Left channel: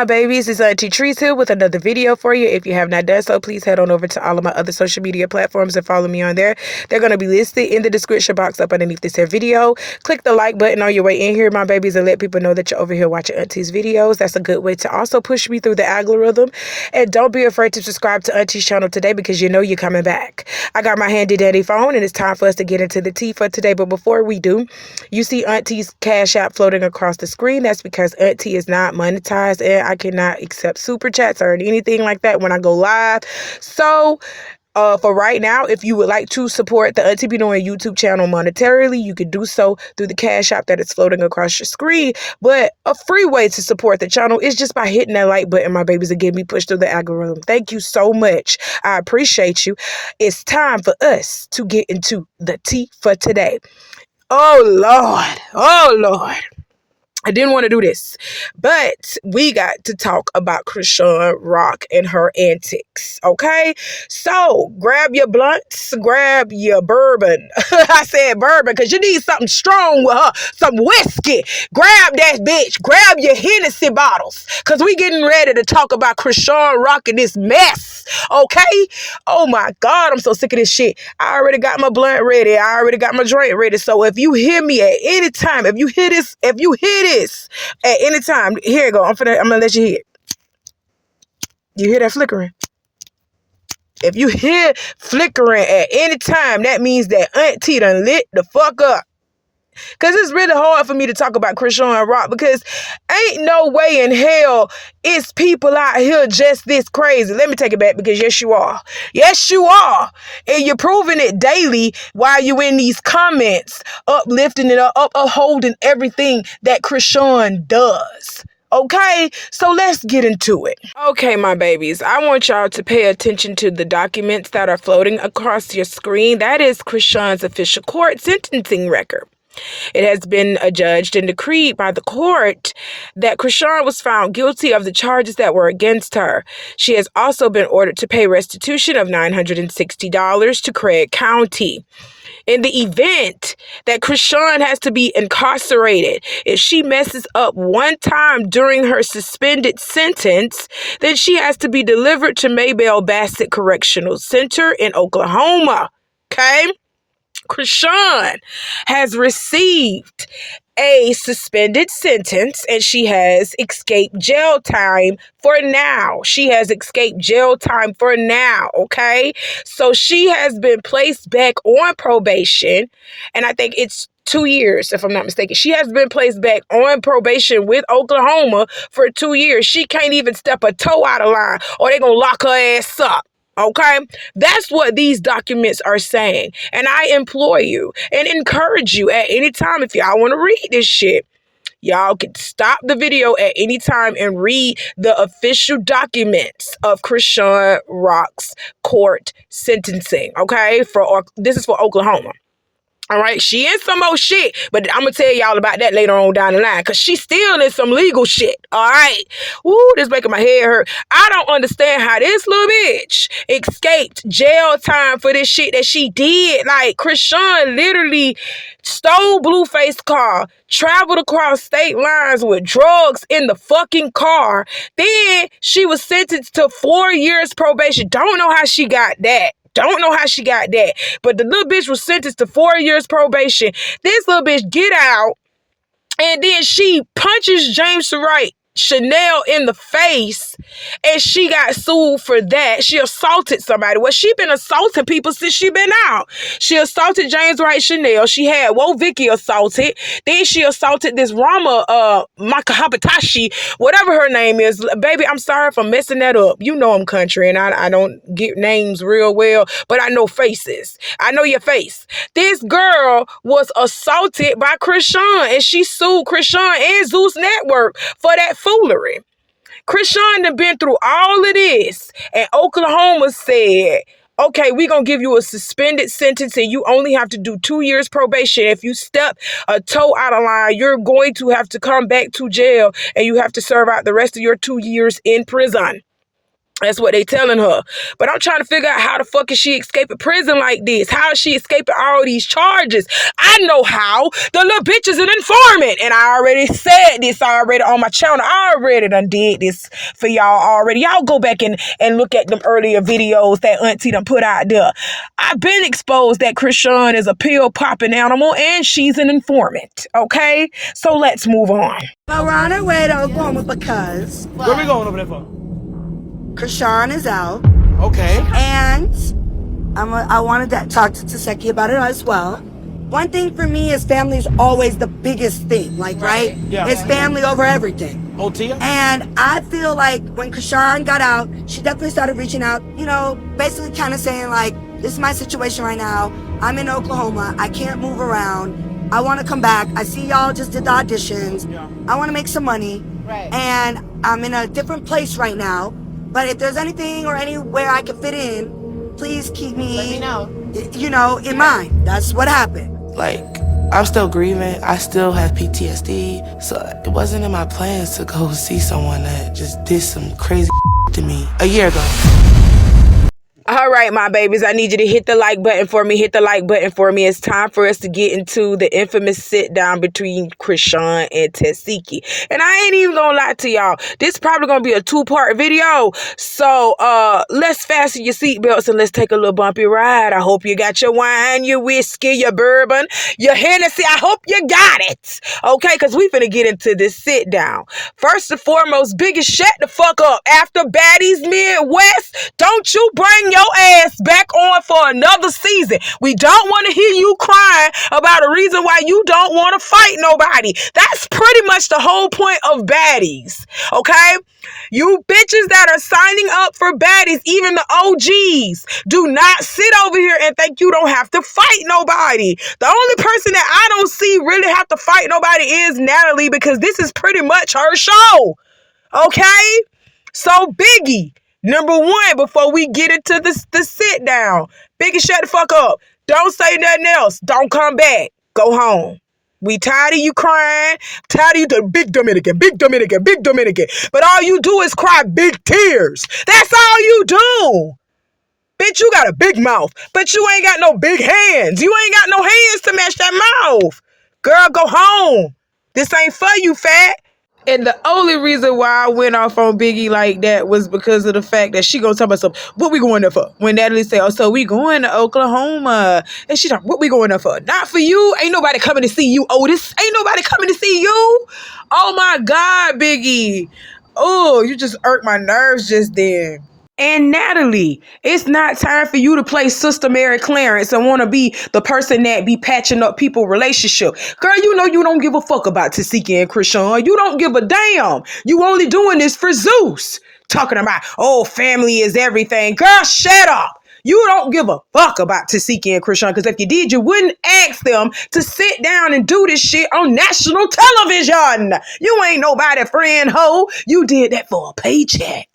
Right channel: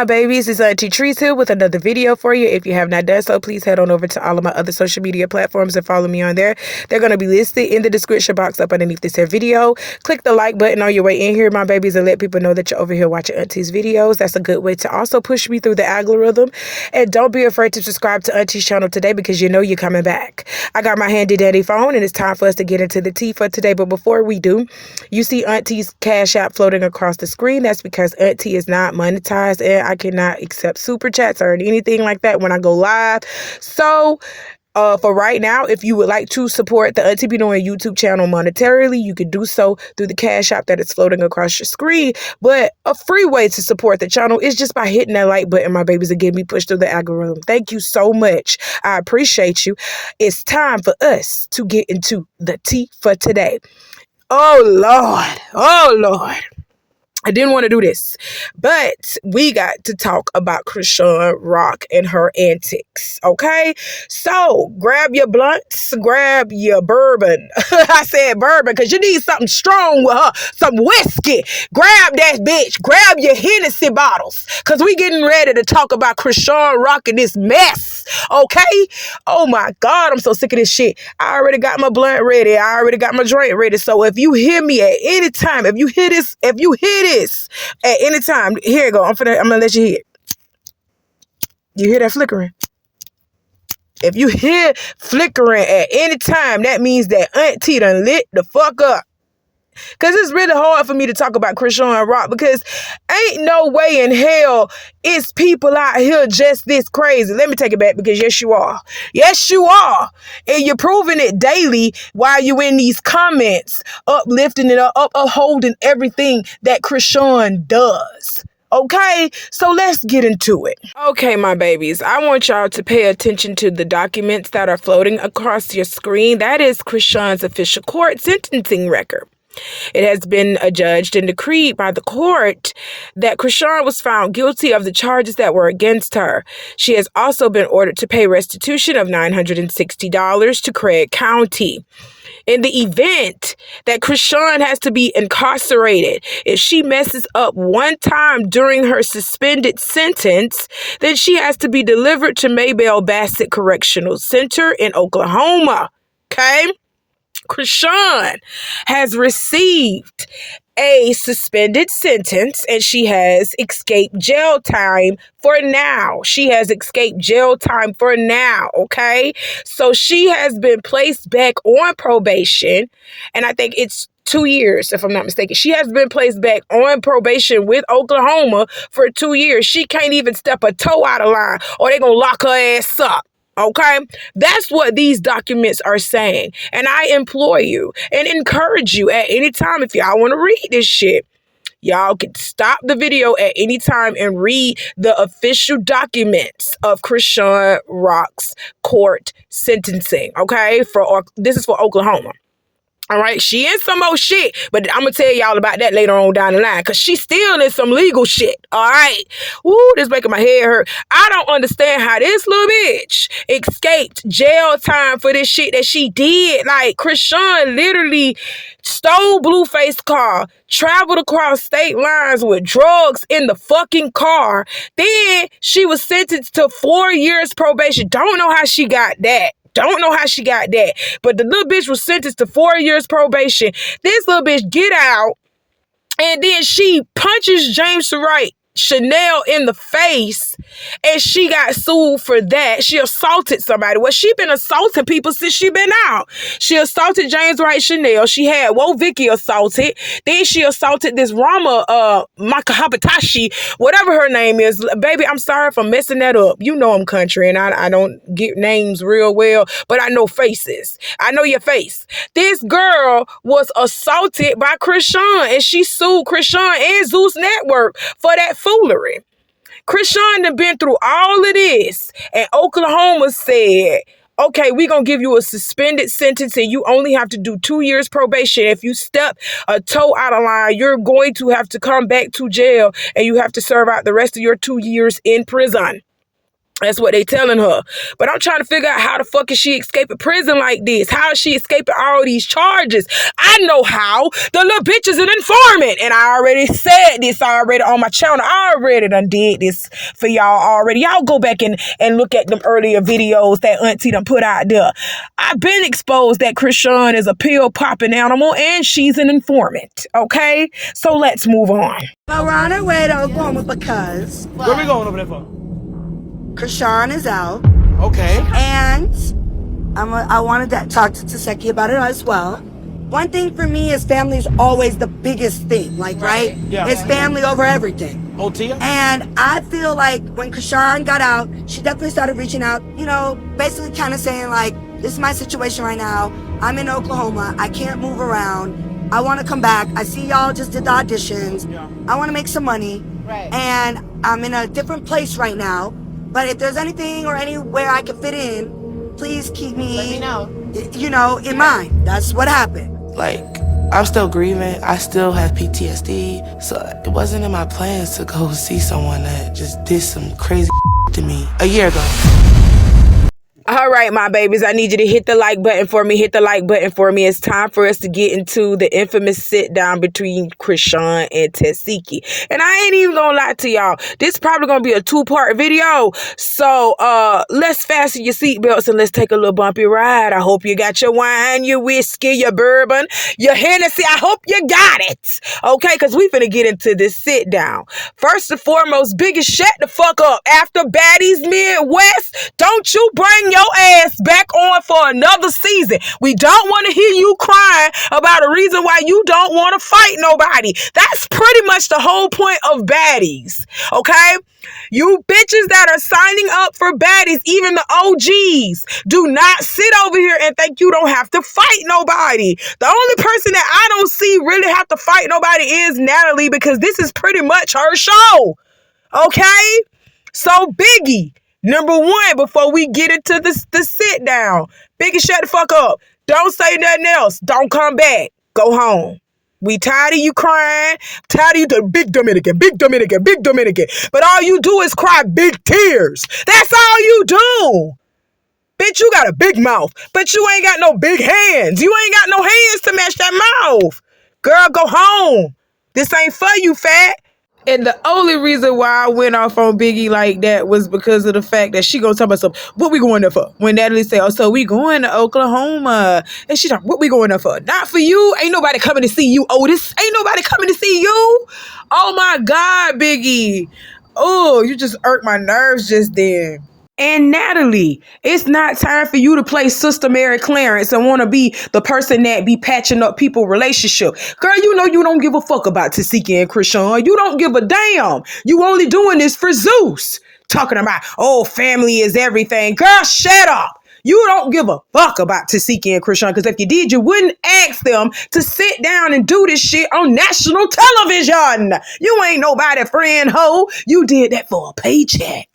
my babies? It's Auntie Trice here with another video for you. If you have not done so, please head on over to all of my other social media platforms and follow me on there. They're going to be listed in the description box up underneath this here video. Click the like button on your way in here, my babies, and let people know that you're over here watching Auntie's videos. That's a good way to also push me through the algorithm. And don't be afraid to subscribe to Auntie's channel today because you know you're coming back. I got my handy dandy phone and it's time for us to get into the tea for today. But before we do, you see Auntie's Cash App floating across the screen. That's because Auntie is not monetized and I cannot accept super chats or anything like that when I go live. So for right now, if you would like to support the Auntie Be Knowing YouTube channel monetarily, you can do so through the Cash App that is floating across your screen. But a free way to support the channel is just by hitting that like button, my babies, and getting me pushed through the algorithm. Thank you so much. I appreciate you. It's time for us to get into the tea for today. Oh, Lord. Oh, Lord. I didn't want to do this, but we got to talk about Chrisean Rock and her antics, okay? So grab your blunts, grab your bourbon. I said bourbon because you need something strong with her, some whiskey. Grab that bitch. Grab your Hennessy bottles because we getting ready to talk about Chrisean Rock and this mess, okay? Oh, my God, I'm so sick of this shit. I already got my blunt ready. I already got my drink ready. So if you hear me at any time, if you hear this at any time, here you go. I'm gonna let you hear it. You hear that flickering? If you hear flickering at any time, that means that Auntie done lit the fuck up. Because it's really hard for me to talk about Chrisean Rock because ain't no way in hell it's people out here just this crazy. Let me take it back because yes, you are. Yes, you are. And you're proving it daily while you in these comments, uplifting and upholding everything that Chrisean does. Okay, so let's get into it. Okay, my babies, I want y'all to pay attention to the documents that are floating across your screen. That is Chrisean's official court sentencing record. It has been adjudged and decreed by the court that Chrisean was found guilty of the charges that were against her. She has also been ordered to pay restitution of $960 to Craig County. In the event that Chrisean has to be incarcerated, if she messes up one time during her suspended sentence, then she has to be delivered to Maybelle Bassett Correctional Center in Oklahoma. Okay? Chrisean has received a suspended sentence and she has escaped jail time for now. She has escaped jail time for now, okay? So she has been placed back on probation, and I think it's 2 years, if I'm not mistaken. She has been placed back on probation with Oklahoma for 2 years. She can't even step a toe out of line or they're going to lock her ass up. Okay, that's what these documents are saying. And I implore you and encourage you at any time, if y'all want to read this shit, y'all can stop the video at any time and read the official documents of Chrisean Rock's court sentencing. Okay, this is for Oklahoma. All right, she in some old shit, but I'm going to tell y'all about that later on down the line because she's still in some legal shit, all right? Woo, this making my head hurt. I don't understand how this little bitch escaped jail time for this shit that she did. Like, Chrisean literally stole Blueface's car, traveled across state lines with drugs in the fucking car. Then she was sentenced to 4 years probation. Don't know how she got that. Don't know how she got that. But the little bitch was sentenced to 4 years probation. This little bitch get out, and then she punches James Wright Chanel in the face, and she got sued for that. She assaulted somebody. Well, she been assaulting people since she been out. She assaulted James Wright Chanel. She had Vicky assaulted. Then she assaulted this Rama Makahabatashi, whatever her name is. Baby, I'm sorry if I'm messing that up. You know I'm country, and I don't get names real well, but I know faces. I know your face. This girl was assaulted by Chrisean, and she sued Chrisean and Zeus Network for that foolery. Chrisean done been through all of this, and Oklahoma said, okay, we're going to give you a suspended sentence and you only have to do 2 years probation. If you step a toe out of line, you're going to have to come back to jail and you have to serve out the rest of your 2 years in prison. That's what they telling her. But I'm trying to figure out how the fuck is she escaping prison like this? How is she escaping all these charges? I know how. The little bitch is an informant. And I already said this already on my channel. I already done did this for y'all already. Y'all go back and look at them earlier videos that Auntie done put out there. I've been exposed that Chrisean is a pill-popping animal and she's an informant. Okay? So let's move on. Well, we're on our way to Oklahoma because... Where we going over there for? Chrisean is out. Okay. And I wanted to talk to Tesehki about it as well. One thing for me is family is always the biggest thing, like, right? Yeah. It's family over everything. Oh, Tia? And I feel like when Chrisean got out, she definitely started reaching out, you know, basically kind of saying, like, this is my situation right now. I'm in Oklahoma. I can't move around. I want to come back. I see y'all just did the auditions. Yeah. I want to make some money. Right. And I'm in a different place right now. But if there's anything or anywhere I can fit in, please keep me, Let me know. You know, in mind. That's what happened. Like, I'm still grieving. I still have PTSD. So it wasn't in my plans to go see someone that just did some crazy to me a year ago. All right, my babies, I need you to hit the like button for me. Hit the like button for me. It's time for us to get into the infamous sit down between Chrisean and Tesehki. And I ain't even gonna lie to y'all. This probably gonna be a 2-part video. So let's fasten your seatbelts and let's take a little bumpy ride. I hope you got your wine, your whiskey, your bourbon, your Hennessy. I hope you got it. Okay, because we finna get into this sit down. First and foremost, biggest shut the fuck up. After Baddies Midwest, don't you bring your ass back on for another season. We don't want to hear you crying about a reason why you don't want to fight nobody. That's pretty much the whole point of Baddies. Okay? You bitches that are signing up for Baddies, even the OGs, do not sit over here and think you don't have to fight nobody. The only person that I don't see really have to fight nobody is Natalie, because this is pretty much her show. Okay? So Biggie, number one, before we get into the sit down, Biggie, shut the fuck up. Don't say nothing else. Don't come back. Go home. We tired of you crying. Tired of you the big Dominican, big Dominican, big Dominican. But all you do is cry big tears. That's all you do. Bitch, you got a big mouth, but you ain't got no big hands. You ain't got no hands to match that mouth. Girl, go home. This ain't for you, fat. And the only reason why I went off on Biggie like that was because of the fact that she gonna tell myself, what we going there for? When Natalie say, oh, so we going to Oklahoma. And she like, what we going there for? Not for you. Ain't nobody coming to see you, Otis. Ain't nobody coming to see you. Oh my God, Biggie. Oh, you just irked my nerves just then. And Natalie, it's not time for you to play Sister Mary Clarence and want to be the person that be patching up people's relationship. Girl, you know you don't give a fuck about Tesehki and Chrisean. You don't give a damn. You only doing this for Zeus. Talking about, oh, family is everything. Girl, shut up. You don't give a fuck about Tesehki and Chrisean, because if you did, you wouldn't ask them to sit down and do this shit on national television. You ain't nobody friend hoe. You did that for a paycheck.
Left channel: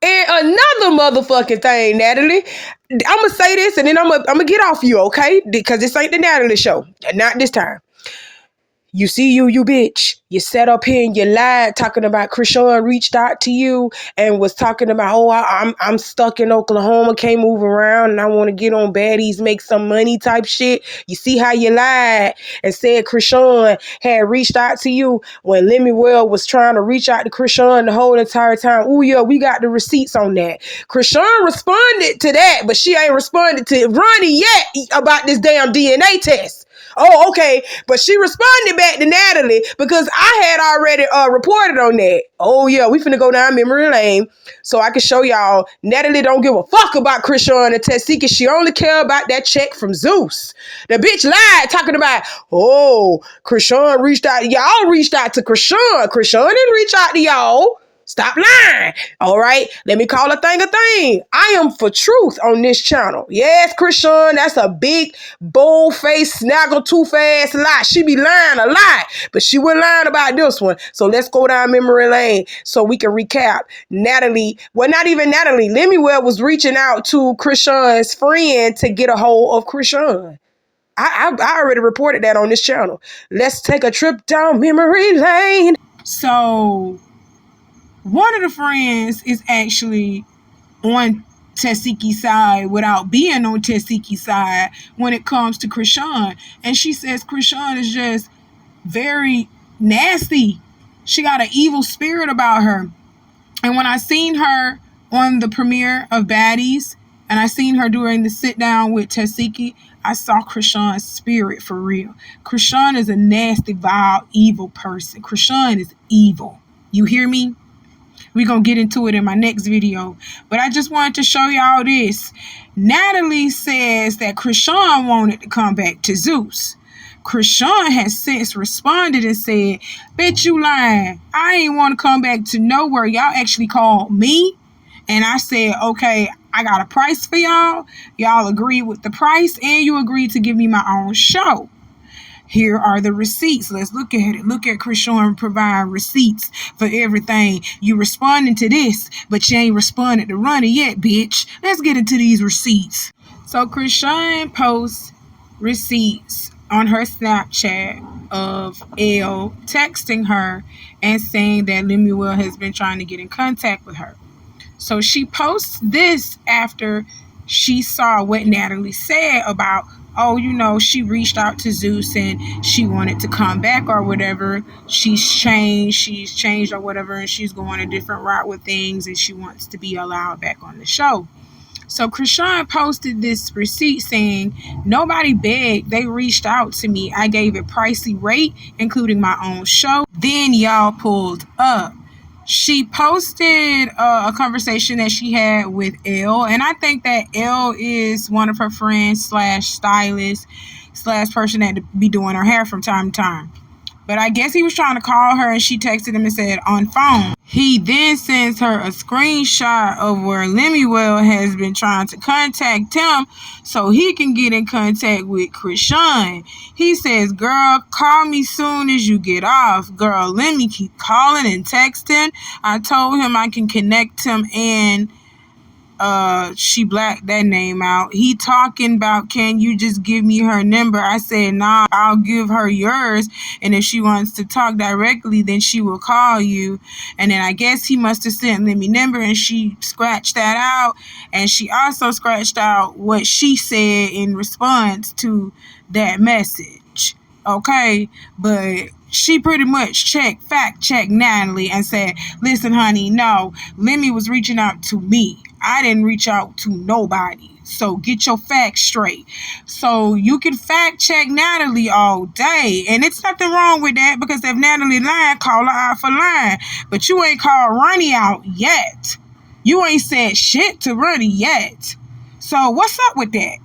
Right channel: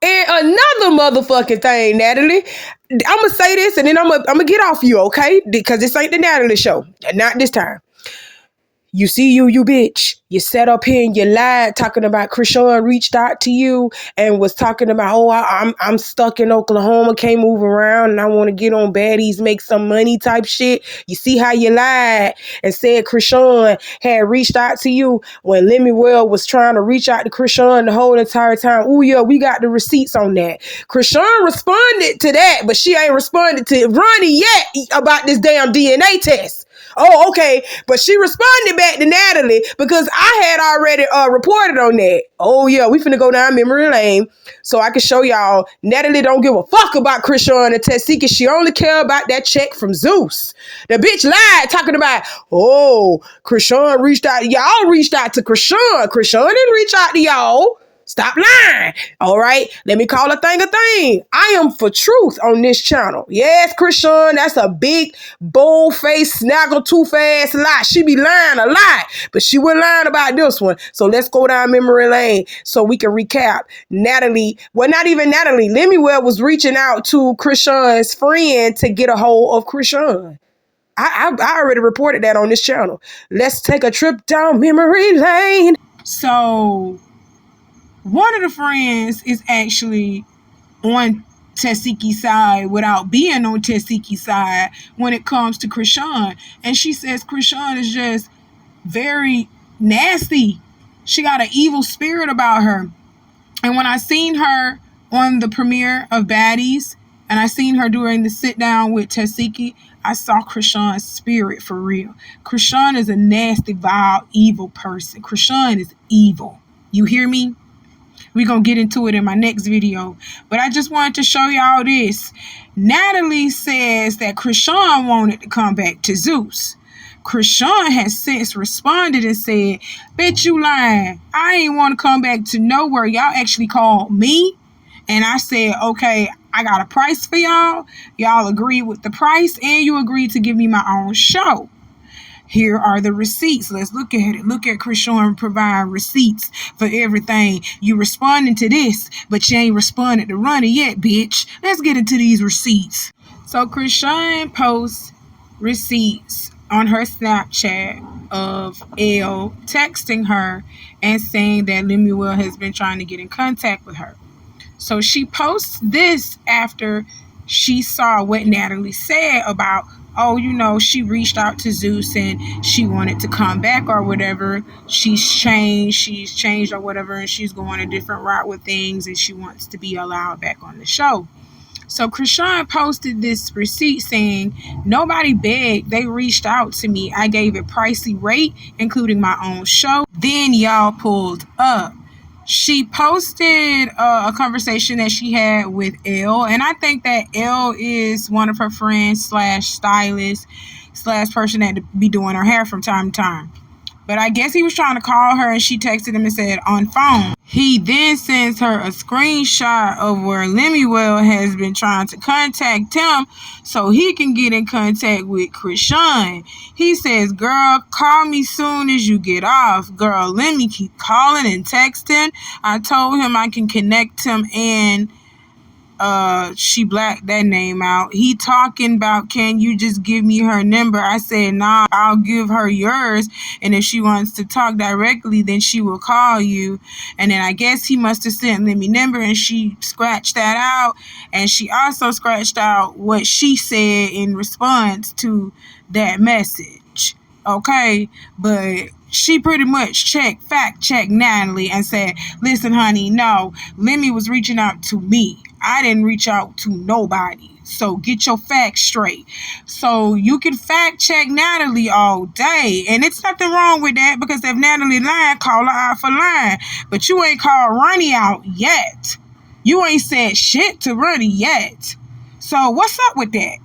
And another motherfucking thing, Natalie, I'm going to say this and then I'm gonna get off you, okay? Because this ain't the Natalie show. Not this time. You see you bitch. You sat up here and you lied talking about Chrisean reached out to you and was talking about, oh, I'm stuck in Oklahoma, can't move around, and I want to get on Baddies, make some money type shit. You see how you lied and said Chrisean had reached out to you when Lemuel was trying to reach out to Chrisean the whole entire time. Oh, yeah, we got the receipts on that. Chrisean responded to that, but she ain't responded to Ronnie yet about this damn DNA test. Oh, okay. But she responded back to Natalie because I had already reported on that. Oh, yeah, we finna go down memory lane so I can show y'all Natalie don't give a fuck about Chrisean and Tesehki. She only care about that check from Zeus. The bitch lied talking about, oh, Chrisean reached out. Y'all reached out to Chrisean. Chrisean didn't reach out to y'all. Stop lying. All right. Let me call a thing a thing. I am for truth on this channel. Yes, Chrisean, that's a big, bold-faced, snaggle-tooth-ass lie. She be lying a lot, but she wasn't lying about this one. So let's go down memory lane so we can recap. Natalie, well, not even Natalie. Lemuel was reaching out to Chrisean's friend to get a hold of Chrisean. I already reported that on this channel. Let's take a trip down memory lane. So one of the friends is actually on Tesehki's side without being on Tesehki's side when it comes to Chrisean. And she says Chrisean is just very nasty. She got an evil spirit about her. And when I seen her on the premiere of Baddies, and I seen her during the sit down with Tesehki, I saw Chrisean's spirit for real. Chrisean is a nasty, vile, evil person. Chrisean is evil. You hear me? We're going to get into it in my next video. But I just wanted to show y'all this. Natalie says that Chrisean wanted to come back to Zeus. Chrisean has since responded and said, "Bet you lying. I ain't want to come back to nowhere. Y'all actually called me. And I said, okay, I got a price for y'all. Y'all agreed with the price and you agreed to give me my own show. Here are the receipts. Let's look at it. Look at Chrisean providing receipts for everything. You responding to this, but you ain't responded to Ronnie yet, bitch. Let's get into these receipts." So Chrisean posts receipts on her Snapchat of Elle texting her and saying that Lemuel has been trying to get in contact with her. So she posts this after she saw what Natalie said about, oh, you know, she reached out to Zeus and she wanted to come back or whatever. She's changed or whatever, and she's going a different route with things and she wants to be allowed back on the show. So Chrisean posted this receipt saying, "Nobody begged. They reached out to me. I gave a pricey rate, including my own show. Then y'all pulled up." She posted a conversation that she had with Elle, and I think that Elle is one of her friends / stylist / person that be doing her hair from time to time. But I guess he was trying to call her and she texted him and said on phone. He then sends her a screenshot of where Lemuel has been trying to contact him so he can get in contact with Chrisean. He says, "Girl, call me soon as you get off." Girl, let me keep calling and texting. I told him I can connect him and she blacked that name out. He talking about, "Can you just give me her number?" I said, "Nah, I'll give her yours. And if she wants to talk directly, then she will call you." And then I guess he must have sent Lemmy number and she scratched that out. And she also scratched out what she said in response to that message. Okay, but she pretty much fact checked Natalie and said, "Listen, honey, no, Lemmy was reaching out to me. I didn't reach out to nobody. So get your facts straight." So you can fact check Natalie all day. And it's nothing wrong with that, because if Natalie lying, call her out for lying. But you ain't called Ronnie out yet. You ain't said shit to Ronnie yet. So what's up with that?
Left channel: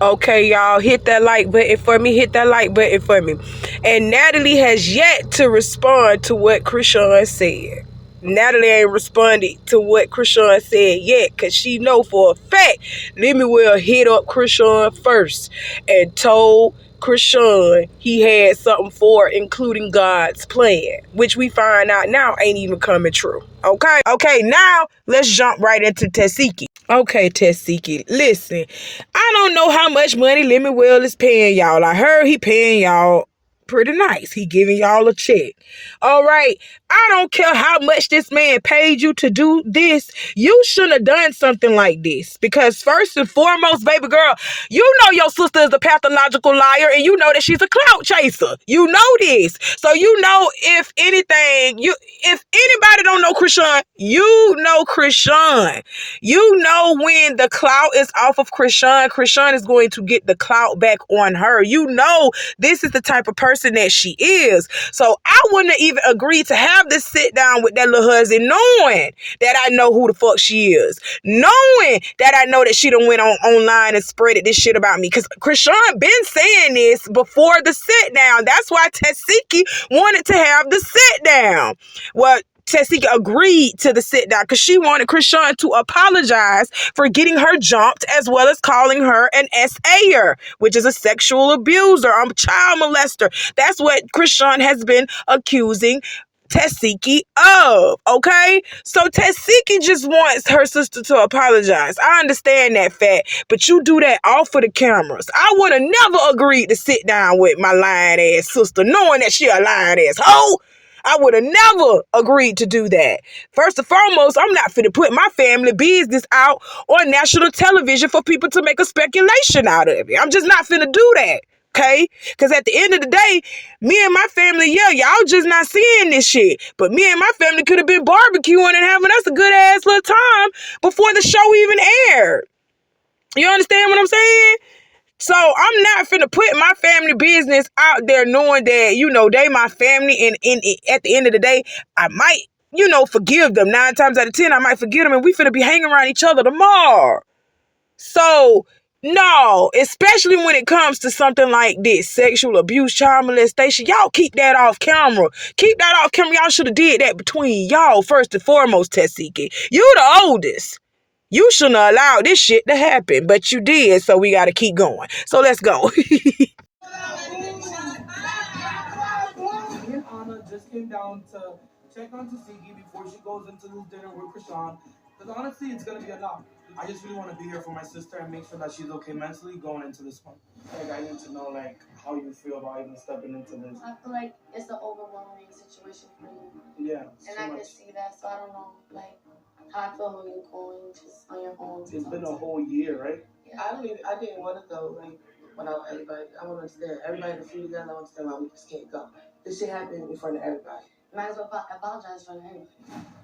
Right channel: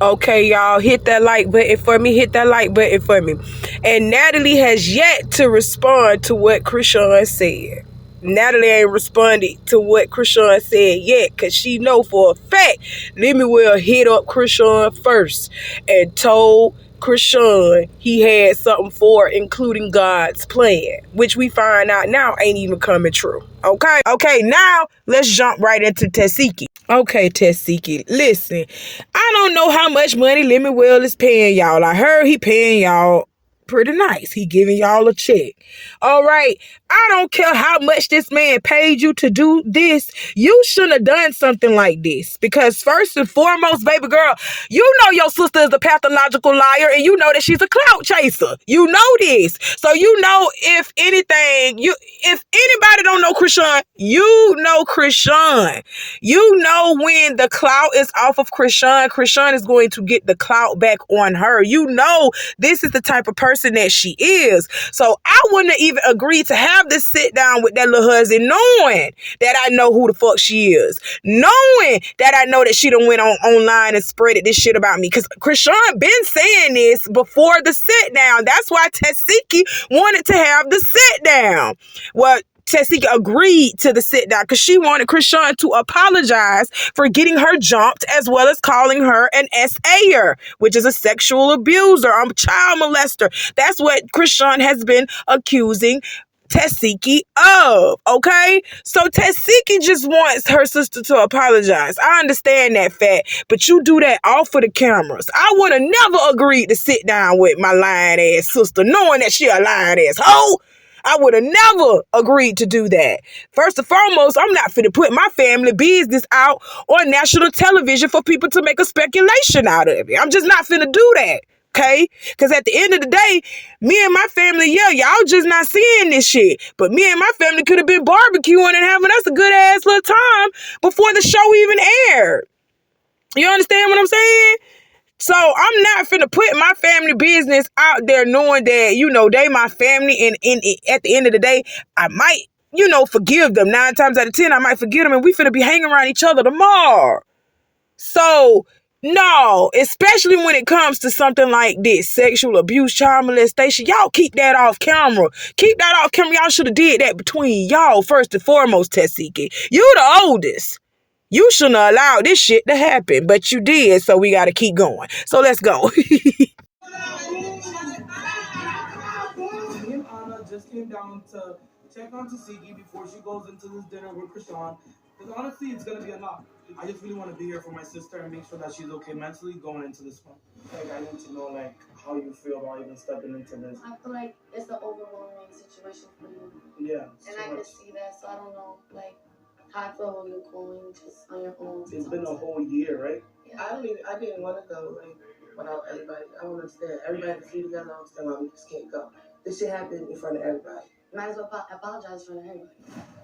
Okay, y'all, hit that like button for me. Hit that like button for me. And Natalie has yet to respond to what Chrisean said. Natalie ain't responded to what Chrisean said yet, because she know for a fact Lemuel hit up Chrisean first and told Chrisean he had something for her, including God's plan, which we find out now ain't even coming true. Okay, now let's jump right into Tesehki. Okay, Tesehki, listen, I don't know how much money Lemuel is paying y'all. I heard he paying y'all pretty nice. He giving y'all a check. All right, I don't care how much this man paid you to do this. You shouldn't have done something like this, because first and foremost, baby girl, you know your sister is a pathological liar, and you know that she's a clout chaser. You know this. So you know, if anything, if anybody don't know Chrisean, you know Chrisean. You know when the clout is off of Chrisean, Chrisean is going to get the clout back on her. You know this is the type of person that she is. So I wouldn't have even agreed to have this sit down with that little husband, knowing that I know who the fuck she is, knowing that I know that she done went online and spreaded this shit about me, because Chrisean been saying this before the sit down. That's why Tesehki wanted to have the sit down. Well, Tesehki agreed to the sit down because she wanted Chrisean to apologize for getting her jumped, as well as calling her an SA'er, which is a sexual abuser, a child molester. That's what Chrisean has been accusing Tesehki of, okay? So Tesehki just wants her sister to apologize. I understand that fact, but you do that off of the cameras. I would have never agreed to sit down with my lying ass sister, knowing that she a lying ass hoe. I would have never agreed to do that. First and foremost, I'm not finna put my family business out on national television for people to make a speculation out of it. I'm just not finna do that. Okay? Because at the end of the day, me and my family, yeah, y'all just not seeing this shit. But me and my family could have been barbecuing and having us a good ass little time before the show even aired. You understand what I'm saying? So I'm not finna put my family business out there knowing that, you know, they my family, and at the end of the day, I might, you know, forgive them. 9 times out of 10, I might forgive them, and we finna be hanging around each other tomorrow. So, no, especially when it comes to something like this, sexual abuse, child molestation, y'all keep that off camera. Keep that off camera. Y'all should have did that between y'all first and foremost, Tesehki. You the oldest. You shouldn't have allowed this shit to happen, but you did, so we got to keep going. So let's go. Me and Anna just came down to check on Tesehki before she goes into this dinner with Chrisean. Because honestly, it's going to be a lot. I just really want to be here for my sister and make sure that she's okay mentally going into this one. Like, I need to know, like, how you feel about even stepping into this. I feel like it's an overwhelming situation for you. Yeah. And I can see that, so I don't know, like, how I feel when you're going just on your own. It's been a whole year, right? Yeah. I didn't want to go, like, without everybody. I want to understand. Everybody had to feel together. I understand why we just can't go. This shit happened in front of everybody. Might as well apologize in front of everybody.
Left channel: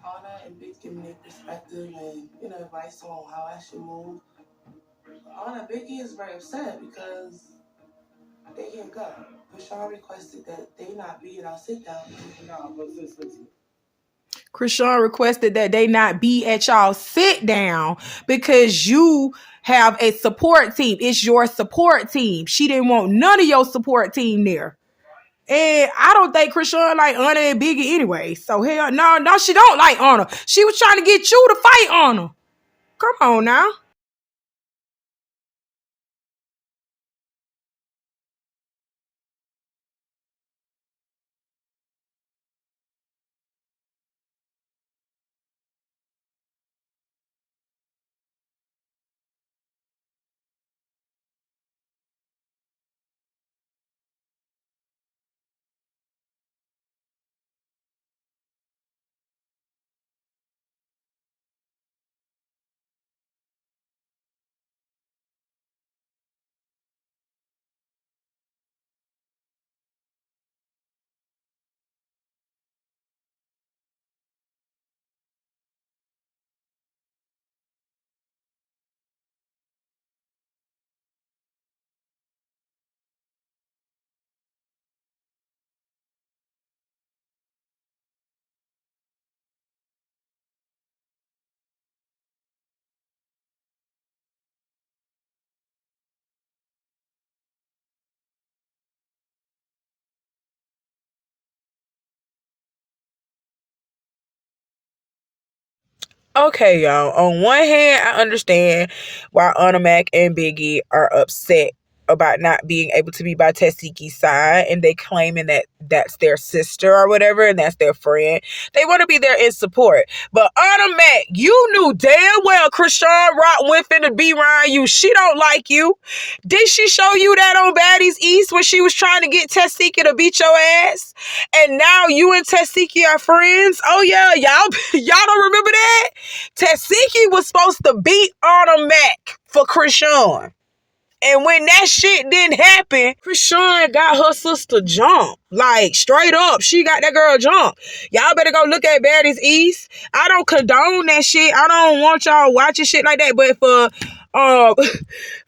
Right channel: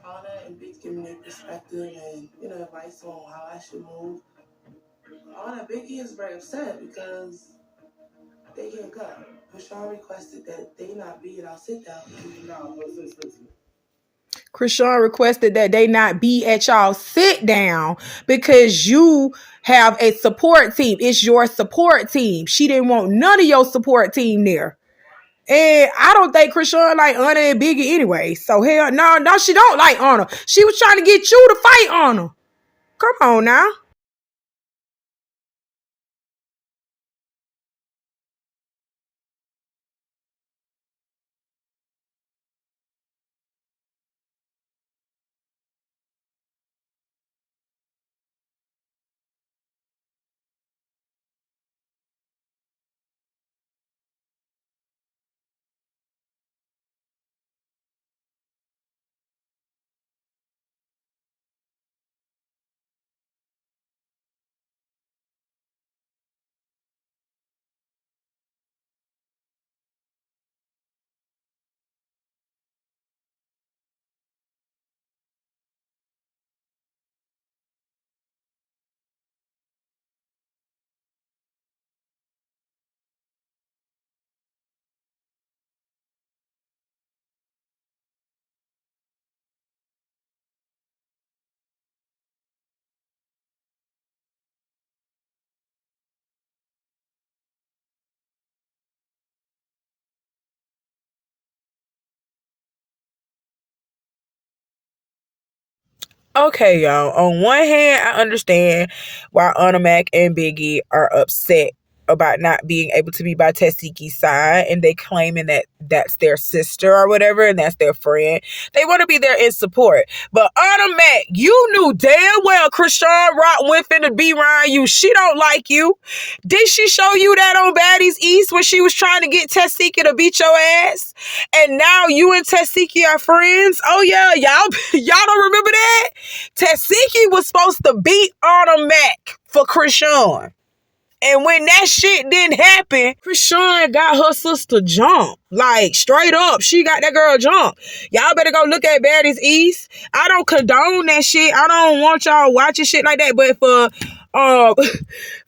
Anna and Big give me their perspective and, you know, advice on how I should move. Anna, Biggie is very upset because they can't go. Chrisean requested that they not be at our sit down. No, but listen. Chrisean requested that they not be at y'all sit down because you have a support team. It's your support team. She didn't want none of your support team there. And I don't think Chrisean like Anna and Biggie anyway. So hell no, she don't like Anna. She was trying to get you to fight Anna. Come on now. Okay, y'all. On one hand, I understand why Anna Mac and Biggie are upset about not being able to be by Tesehki's side, and they claiming that that's their sister or whatever, and that's their friend. They want to be there in support. But Anna Mac, you knew damn well Chrisean Rock went finna be around you. She don't like you. Did she show you that on Baddies East when she was trying to get Tesehki to beat your ass? And now you and Tesehki are friends? Oh yeah, y'all don't remember that? Tesehki was supposed to beat Anna Mac for Chrisean. And when that shit didn't happen, Chrisean got her sister jumped. Like, straight up, she got that girl jumped. Y'all better go look at Baddies East. I don't condone that shit. I don't want y'all watching shit like that. But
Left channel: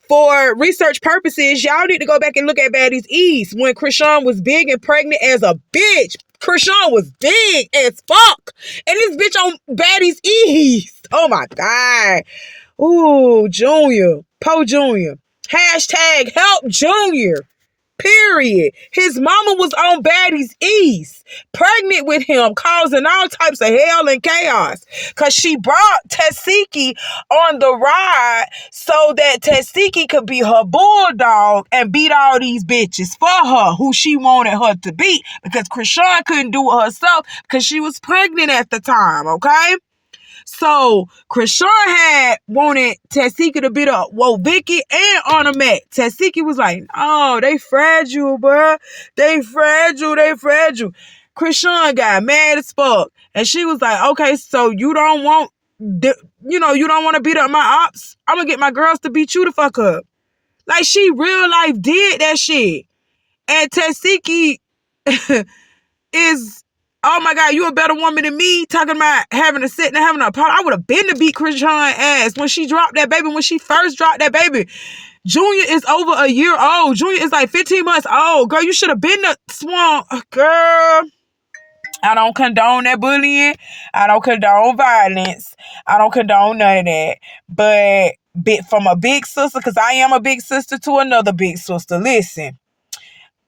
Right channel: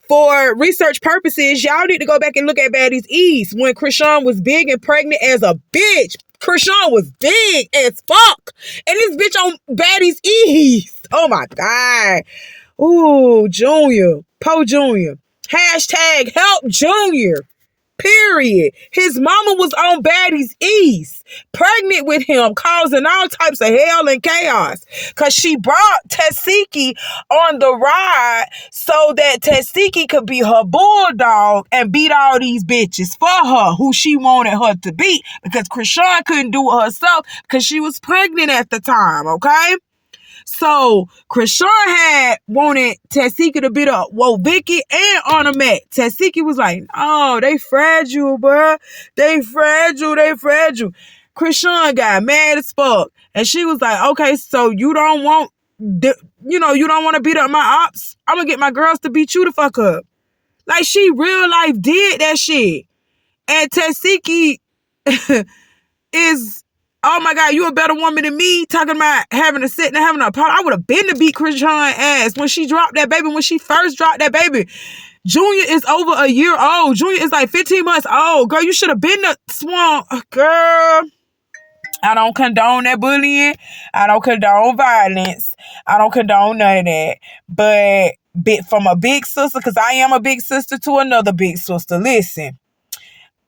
for research purposes, y'all need to go back and look at Baddies East. When Chrisean was big and pregnant as a bitch. Chrisean was big as fuck. And this bitch on Baddies East. Oh my God. Ooh, Junior. Poe Junior. Hashtag help Junior. Period. His mama was on Baddies East, pregnant with him, causing all types of hell and chaos. Because she brought Tesehki on the ride so that Tesehki could be her bulldog and beat all these bitches for her, who she wanted her to beat. Because Chrisean couldn't do it herself because she was pregnant at the time, okay? So, Chrisean had wanted Tesehki to beat up Vicky and Anna Mac. Tesehki was like, oh, they fragile, bruh. They fragile. Chrisean got mad as fuck. And she was like, okay, so you don't want, you don't want to beat up my ops? I'm going to get my girls to beat you the fuck up. Like, she real life did that shit. And Tesehki is, oh my God, you a better woman than me, talking about having to sit and having a part. I would have been to beat Chrisean ass when she dropped that baby, when she first dropped that baby. Junior is over a year old. Junior is like 15 months old. Girl, you should have been the swan. Girl, I don't condone that bullying. I don't condone violence. I don't condone none of that. But from a big sister, because I am a big sister to another big sister, listen,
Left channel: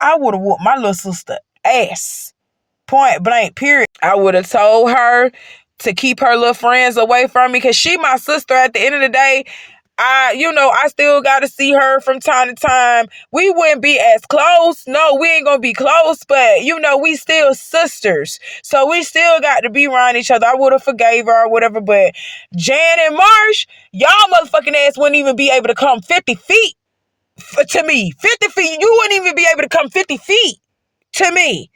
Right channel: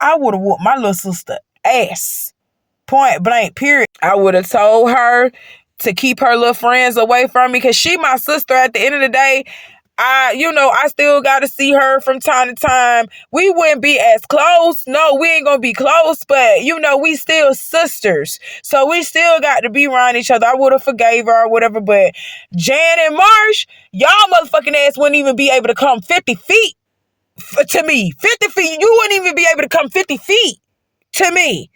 I would have whooped my little sister ass. Point blank, period. I would have told her to keep her little friends away from me, because she my sister at the end of the day. I still got to see her from time to time. We wouldn't be as close. No, we ain't going to be close, but, we still sisters. So we still got to be around each other. I would have forgave her or whatever, but Jan and Marsh, y'all motherfucking ass wouldn't even be able to come 50 feet to me. 50 feet. You wouldn't even be able to come 50 feet to me.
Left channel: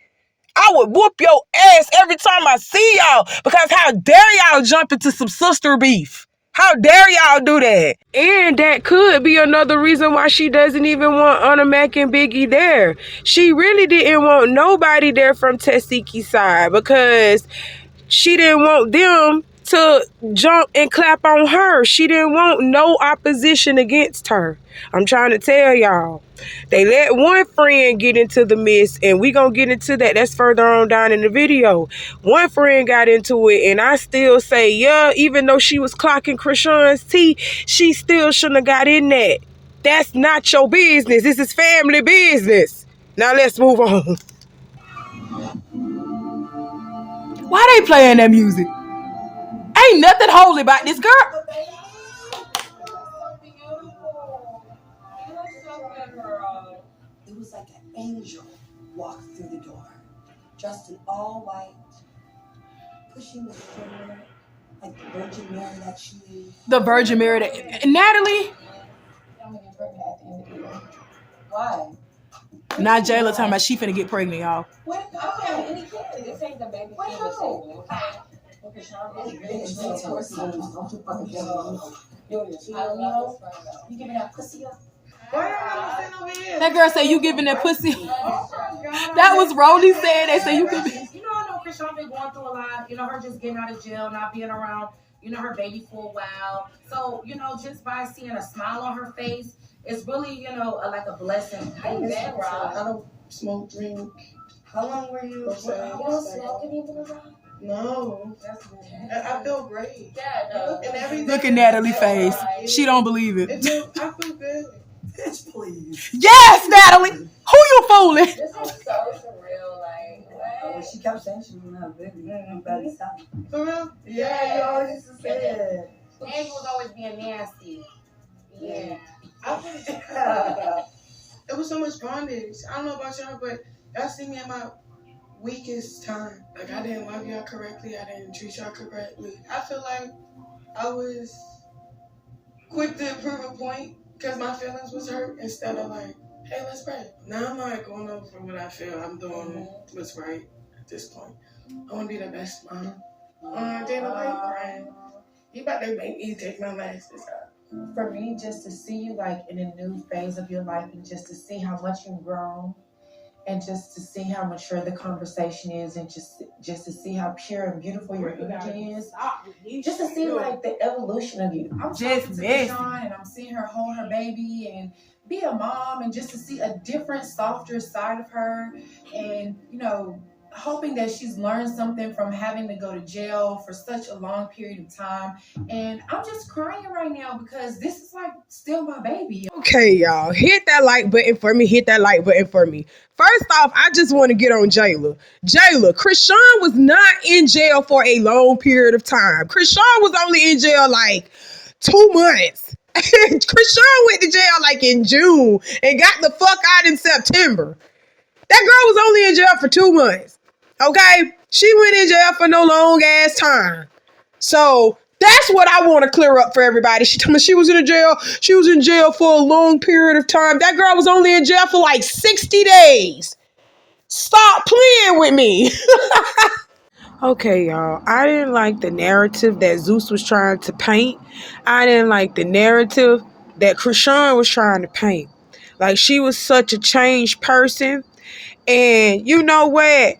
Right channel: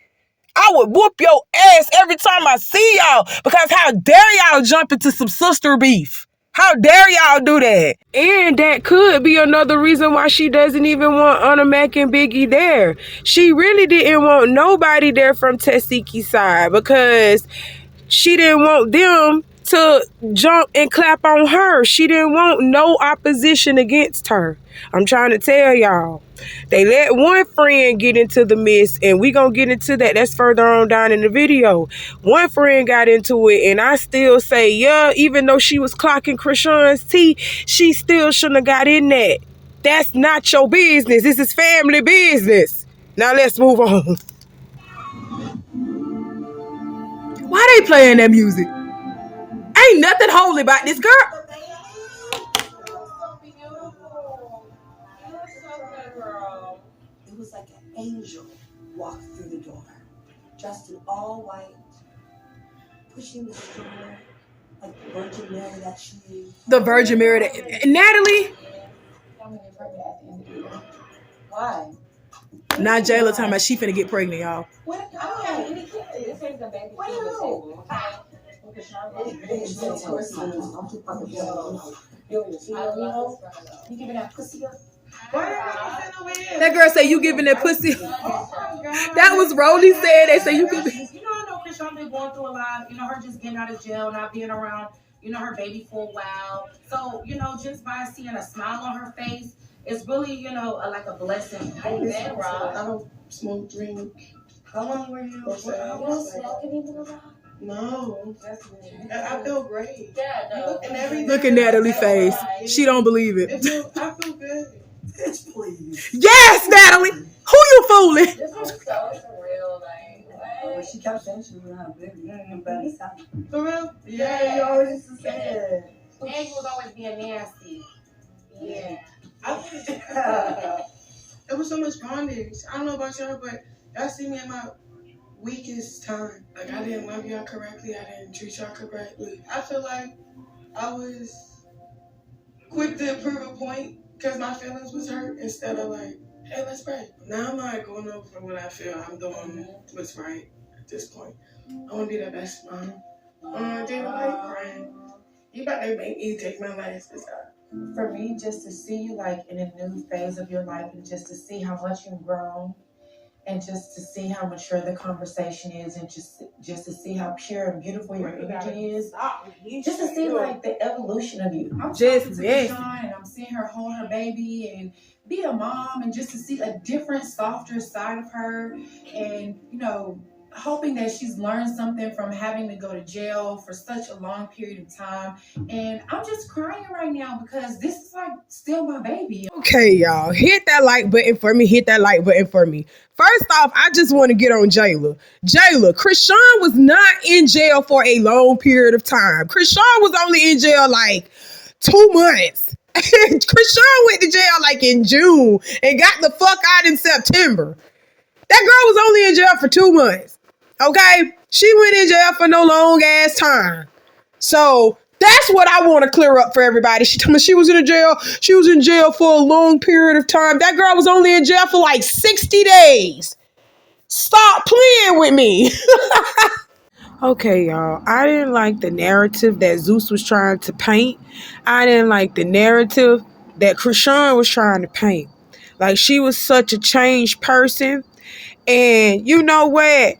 I would whoop your ass every time I see y'all, because how dare y'all jump into some sister beef? How dare y'all do that? And that could be another reason why she doesn't even want Anna Mac and Biggie there. She really didn't want nobody there from Tesehki's side, because she didn't want them to jump and clap on her. She didn't want no opposition against her. I'm trying to tell y'all. They let one friend get into the mess, and we gonna get into that. That's further on down in the video. One friend got into it, and I still say, yeah, even though she was clocking Chrisean's tea, she still shouldn't have got in that. That's not your business. This is family business. Now let's move on. Why they playing that music? Ain't nothing holy about this girl. It was like an angel walked through the door, dressed in all white, pushing the stroller like the Virgin Mary that she is. The Virgin Mary that Natalie. Why? Not Jayla talking about she finna get pregnant, y'all. What? I don't have any kids. This ain't the baby on the table, okay? You giving that pussy up? That girl say you giving that pussy. That was Rolly said. They say you giving. I know Chrisean been going through a lot. Her just getting out of jail, not being around, her baby for a while. So, just by seeing a smile on her face, it's really, like a blessing. How you been, Rob? I don't smoke, drink. How long were you? No. I feel great. Yeah, no. And every Look at Natalie's face. She don't believe it. I feel good. Bitch, please. Yes, Natalie. Who you fooling? This is so surreal. Like, what? She kept saying she was gonna have a baby. I'm bad at sound. For real? Yeah, you always used to say it. And you was always being nasty. Yeah. It was so much bondage. I don't know about y'all, but y'all see me at my weakest time. Like, I didn't love y'all correctly. I didn't treat y'all correctly. I feel like I was quick to prove a point because my feelings was hurt, instead of like, hey, let's pray. Now I'm not going over for what I feel. I'm doing what's right at this point. I want to be the best mom. Dana, why you crying? You about to make me take my glasses off. For me, just to see you like in a new phase of your life, and just to see how much you've grown, and just to see how mature the conversation is, and just to see how pure and beautiful your energy is, just to see like the evolution of you. I'm just talking to Chrisean, and I'm seeing her hold her baby and be a mom, and just to see a different, softer side of her, and hoping that she's learned something from having to go to jail for such a long period of time. And I'm just crying right now because this is like still my baby. Okay, y'all, hit that like button for me. Hit that like button for me. First off, I just want to get on Jayla. Chrisean was not in jail for a long period of time. Chrisean was only in jail like 2 months. Chrisean went to jail like in June and got the fuck out in September. That girl was only in jail for 2 months. Okay? She went in jail for no long ass time. So that's what I want to clear up for everybody. She told me she was in jail. She was in jail for a long period of time. That girl was only in jail for like 60 days. Stop playing with me. Okay, y'all. I didn't like the narrative that Zeus was trying to paint. I didn't like the narrative that Chrisean was trying to paint. Like, she was such a changed person. And you know what?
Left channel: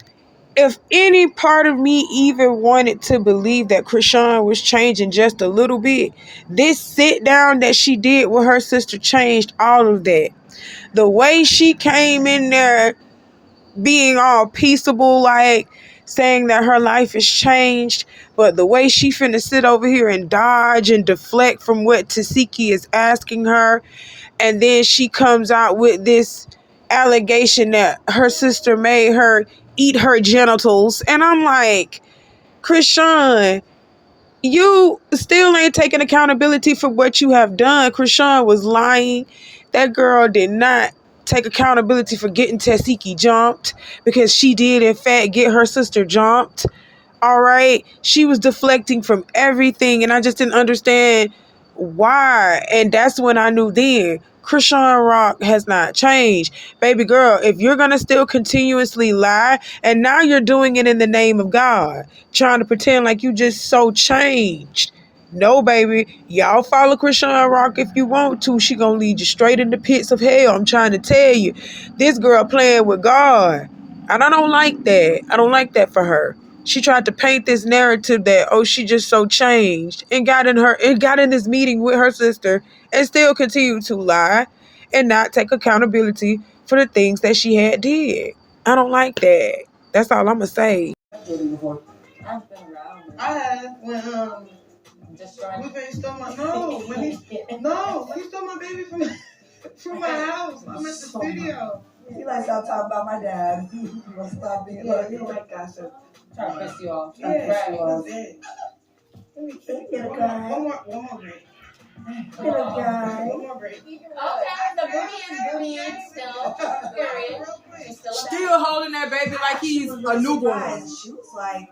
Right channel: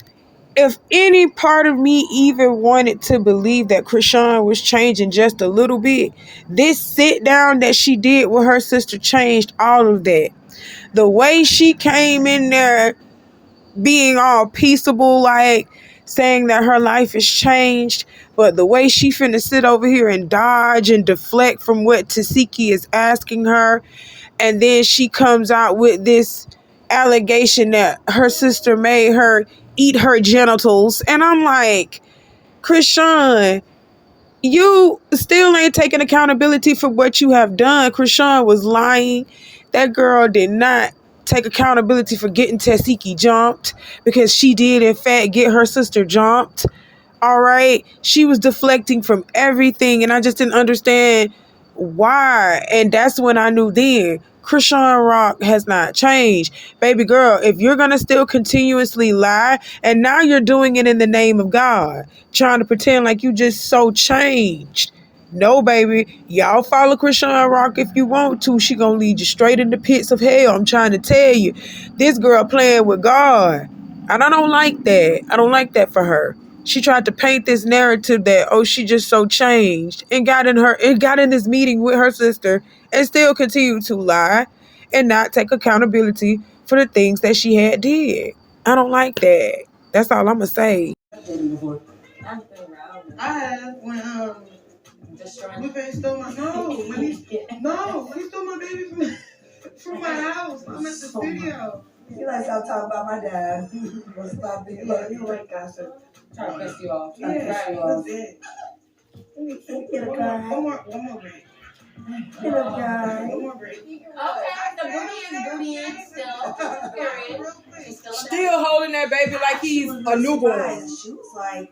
If any part of me even wanted to believe that Chrisean was changing just a little bit, this sit down that she did with her sister changed all of that. The way she came in there being all peaceable, like saying that her life has changed, but the way she finna sit over here and dodge and deflect from what Tesehki is asking her, and then she comes out with this allegation that her sister made her eat her genitals, and I'm like, Chrisean, you still ain't taking accountability for what you have done. Chrisean was lying. That girl did not take accountability for getting Tesehki jumped, because she did in fact get her sister jumped. All right, she was deflecting from everything, and I just didn't understand why. And that's when I knew then Chrisean Rock has not changed. Baby girl, if you're gonna still continuously lie, and now you're doing it in the name of God, trying to pretend like you just so changed. No, baby. Y'all follow Chrisean Rock if you want to. She gonna lead you straight in the pits of hell. I'm trying to tell you. This girl playing with God. And I don't like that. I don't like that for her. She tried to paint this narrative that, oh, she just so changed, and got in this meeting with her sister and still continued to lie and not take accountability for the things that she had did. I don't like that. That's all I'm gonna say. I've been before. I've been around. I have when Destroying. Blueface stole my when he stole my baby from my house. I'm at the studio. You like stop talking about my dad. Stop being Yeah, you like gossip. Trying to piss you off. Yeah, Right. that's it. Little guy. One more break. Little guy. One more break. Okay, the booty is still. Period. She's still a Still holding that baby like he's a newborn. She was like,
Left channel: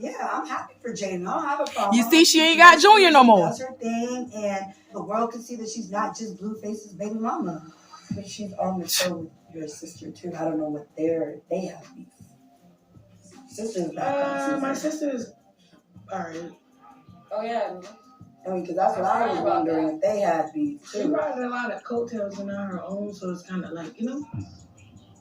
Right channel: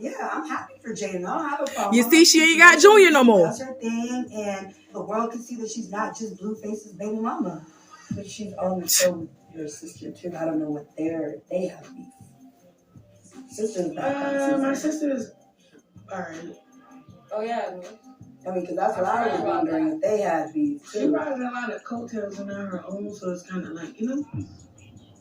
yeah, I'm happy for Jaden. I don't have a problem. You see, she ain't got Junior no more. She does her thing, and the world can see that she's not just Blueface's baby mama. But she's on the show with your sister too. I don't know what they have beef. Sister's not. My sister is alright. Oh yeah. I mean, because that's what I was wondering if they had beef She too. rides a lot of coattails on her own, so it's kind of like, you know.